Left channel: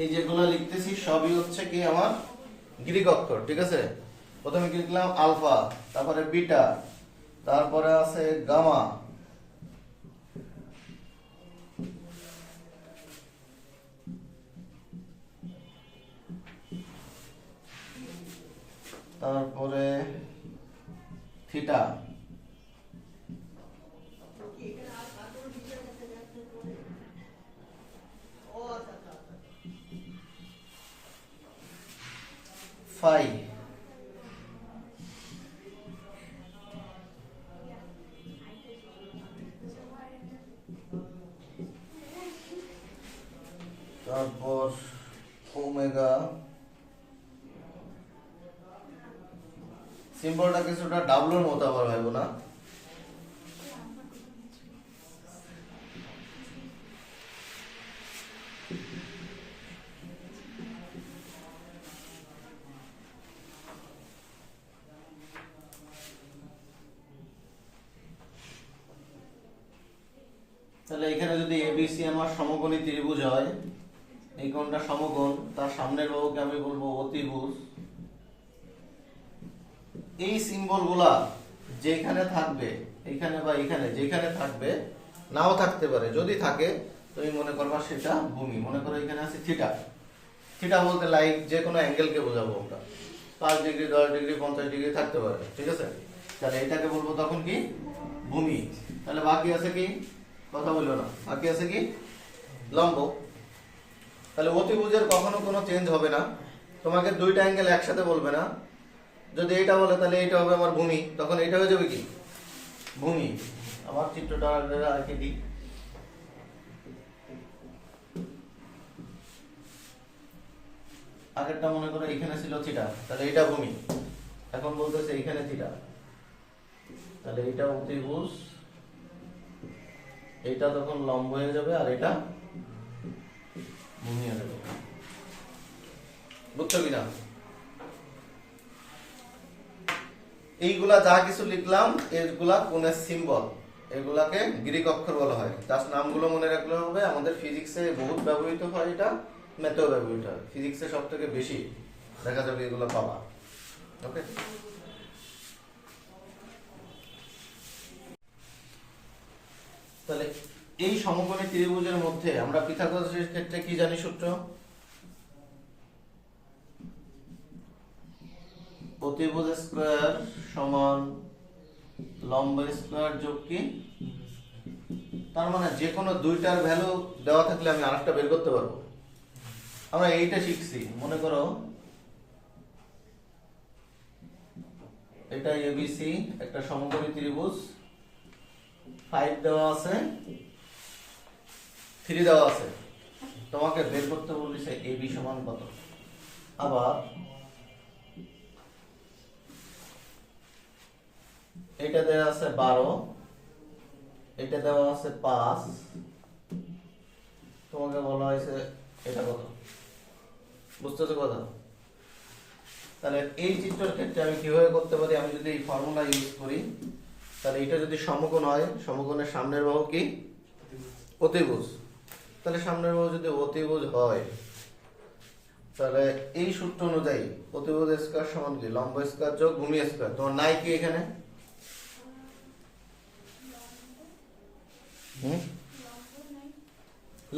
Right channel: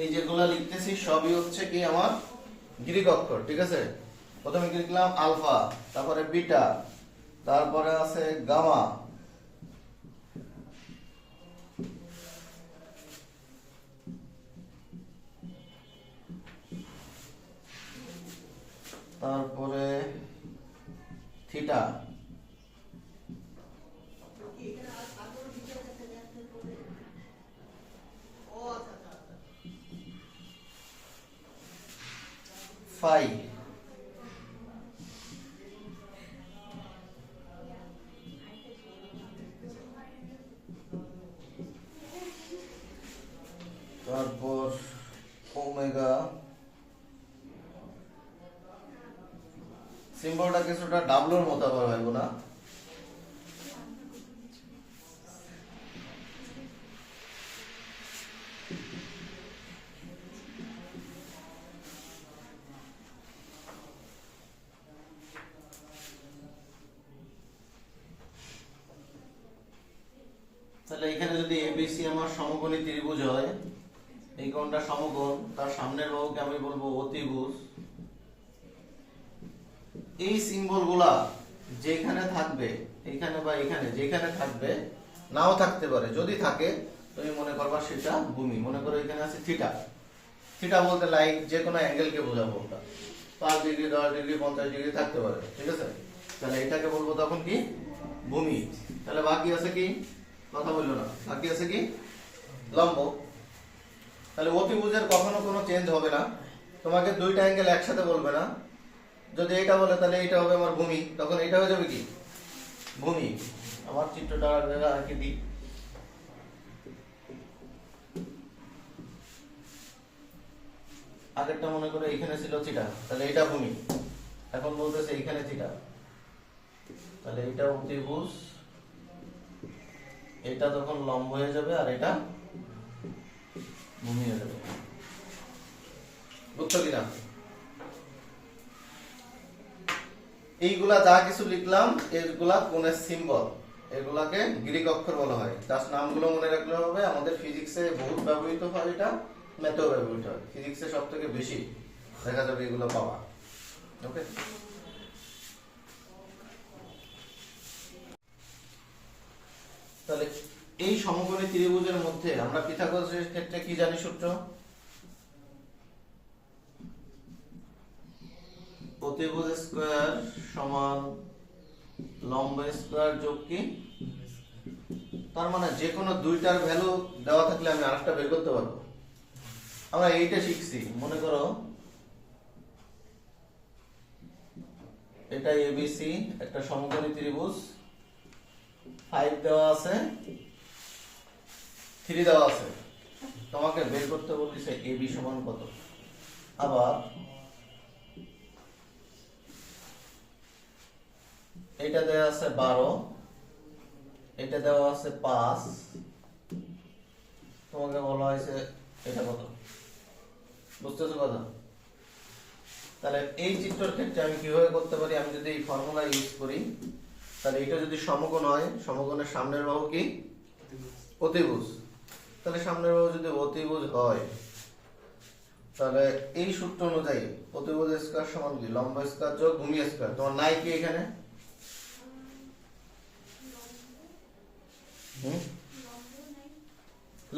এই যেগুলো লিখতেছি সবই হচ্ছে কি আমার গ্রিক অক্ষর, ঠিক আছে। প্রথমে কি লিখলাম আলফা, তারপরে বিটা, তারপরে আছে গামা, তারপরে থিটা, ফাই, তারপর ওমেগা। সিম্বলটা কিছুটা ডাবলুর মতো আবার হইব না? তাহলে এখানে যদি এবিসি আমার সমকোণী ত্রিভুজ হয়, এই কোণটা সমকোণ, তার সামনের বাহুকে আমি বলবো অতিভুজ। এই সিম্বলগুলা যেখানে থাকবে, এখানে বা এখানে যেখানে থাকবে, নাও থাকতে পারে, যদি থাকে তুমি মনে করবা সেটা ভূমি। মনে করো এখানে আছে থিটা, থিটা বলতে লাইক যে কোনো অ্যাঙ্গেলকে বোঝাবো আমরা, 5 ডিগ্রি 10 ডিগ্রি 50 ডিগ্রি থাকতে পারে, ঠিক আছে। তাহলে এটাকে বলবো তখন কি ভূমি। তাহলে বাকি আছে কি, কথা বললো না, বাকি আছে কি লম্ব। তাহলে অতিভুজের কখনো কোনো চেঞ্জ হবে না, তোমাকে দুইটা অ্যাঙ্গেল একসাথে বলবে না। যদি এটা বলে তাহলে এটা হবে আমার ভূমি, তখন এটা হয়ে যাবে কি ভূমি। আমার চিত্রটা রেখে দিই। আগেরটা মনে করো এখানে ছিল থিটা, তাহলে এটা ভূমি। এখন বলতেছে এখানে থিটা, তাহলে এটা অতিভুজ, এটা তখন লম্ব হয়ে যাবে, আর এটা ভূমি হয়ে যাবে। বুঝছো কিনা? এইগুলা যা কিছু লিখলাম এগুলা কোণের সিম্বল, এগুলাকে গ্রিক অক্ষর বলা হয়। জাস্ট নামগুলো মনে রাখলে হবে। আমাদের ফিজিক্সে বহুত ব্যবহৃত হয়, এটা ম্যাথেও ব্যবহৃত হয়। ফিজিক্সে সব থেকে বেশি দেখা যাবে এগুলো পাবা। ওকে, তাহলে এই সমকোণী ত্রিভুজের মধ্যে আমরা পিথাগোরাসের ক্ষেত্রে কি জানি সূত্র? অতিভুজ স্কয়ার সমান লম্ব স্কয়ার যোগ কি, তার মানে যে কোনো দুইটার ভ্যালু দেওয়া থাকলে আমি আরেকটা বের করতে পারবো। আমরা এইটা শিখছি, মনে করো এটা এবিসি একটা সমকোণী ত্রিভুজ, 5 দেওয়া আছে, 3 দেওয়া আছে, তোমাকে বের করতে বলেছে এবি সমান কত। আবার এটা দেওয়া আছে 12, এটা দেওয়া আছে 5, তোমাকে বলা হয়েছে এটা কত। বুঝতেছো কথা? তাহলে এই চিত্রের ক্ষেত্রে আমি কিভাবে করতে পারি, আমি যদি এই ফর্মুলা ইউজ করি, তাহলে এটা যদি সমকোণ হয়, সমকোণের সামনের বাহু কি অতিভুজ, তাহলে সামনের বাহু যদি অতিভুজ হয়, তাহলে এই সূত্র অনুযায়ী অতিভুজ স্কয়ার সমান কি লম্ব স্কয়ার যোগ ভূমি স্কয়ার। তোমার নাই কি এখানে?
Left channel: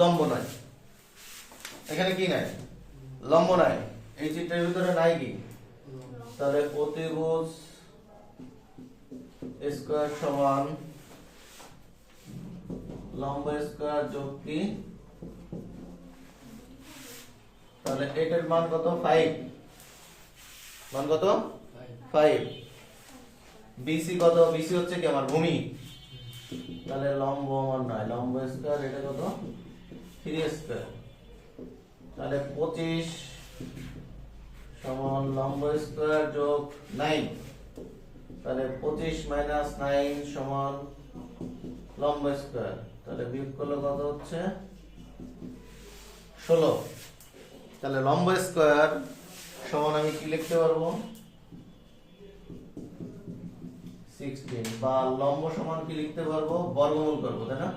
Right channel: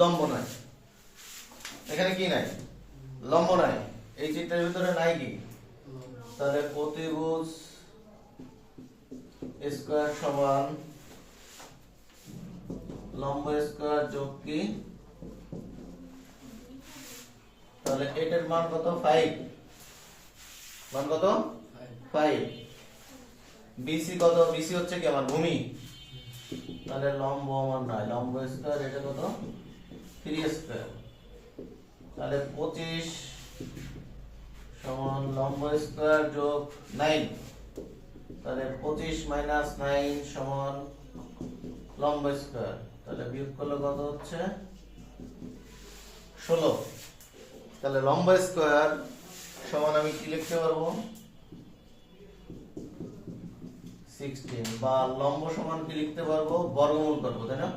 লম্ব নাই, এখানে কি নাই? লম্ব নাই। এই চিত্রের ভিতরে নাই কি? তাহলে অতিভুজ স্কয়ার সমান লম্ব স্কয়ার যোগ কি, তাহলে এটার মান কত 5, মান কত 5। বিসি কত? বিসি হচ্ছে কি আমার ভূমি, তাহলে লম্ব আমার নাই, লম্ব স্কয়ার এটা কত 3 স্কয়ার, তাহলে 25 সমান লম্ব স্কয়ার যোগ 9, তাহলে 25 মাইনাস 9 সমান লম্ব স্কয়ার, তাহলে বিয়োগ করলে কত হচ্ছে 16। তাহলে লম্ব স্কয়ার সমান আমি কি লিখতে পারবো 16, বা লম্ব সমান কি লিখতে পারবো বর্গমূল করবো, তাই না?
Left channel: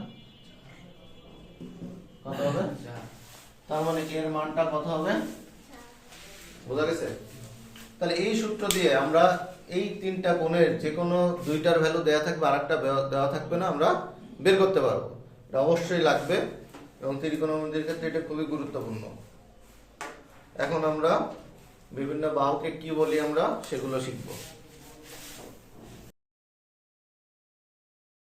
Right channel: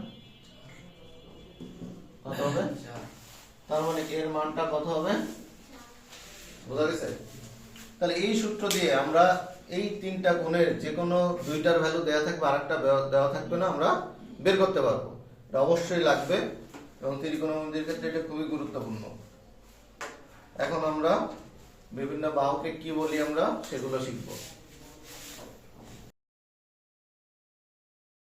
কত হবে তার মানে এর মানটা কত হবে? বোঝা গেছে? তাহলে এই সূত্র দিয়ে আমরা এই তিনটা কোণের যে কোনো দুইটার ভ্যালু দেওয়া থাকবে আর একটা দেওয়া থাকবে না, আমরা বের করতে পারবো। এটা অবশ্যই লাগবে এবং ত্রিকোণমিতির ক্ষেত্রে এটা খুবই গুরুত্বপূর্ণ। এখন আমরা বিভিন্ন বাহুকে কি বলি আমরা সেগুলো শিখবো।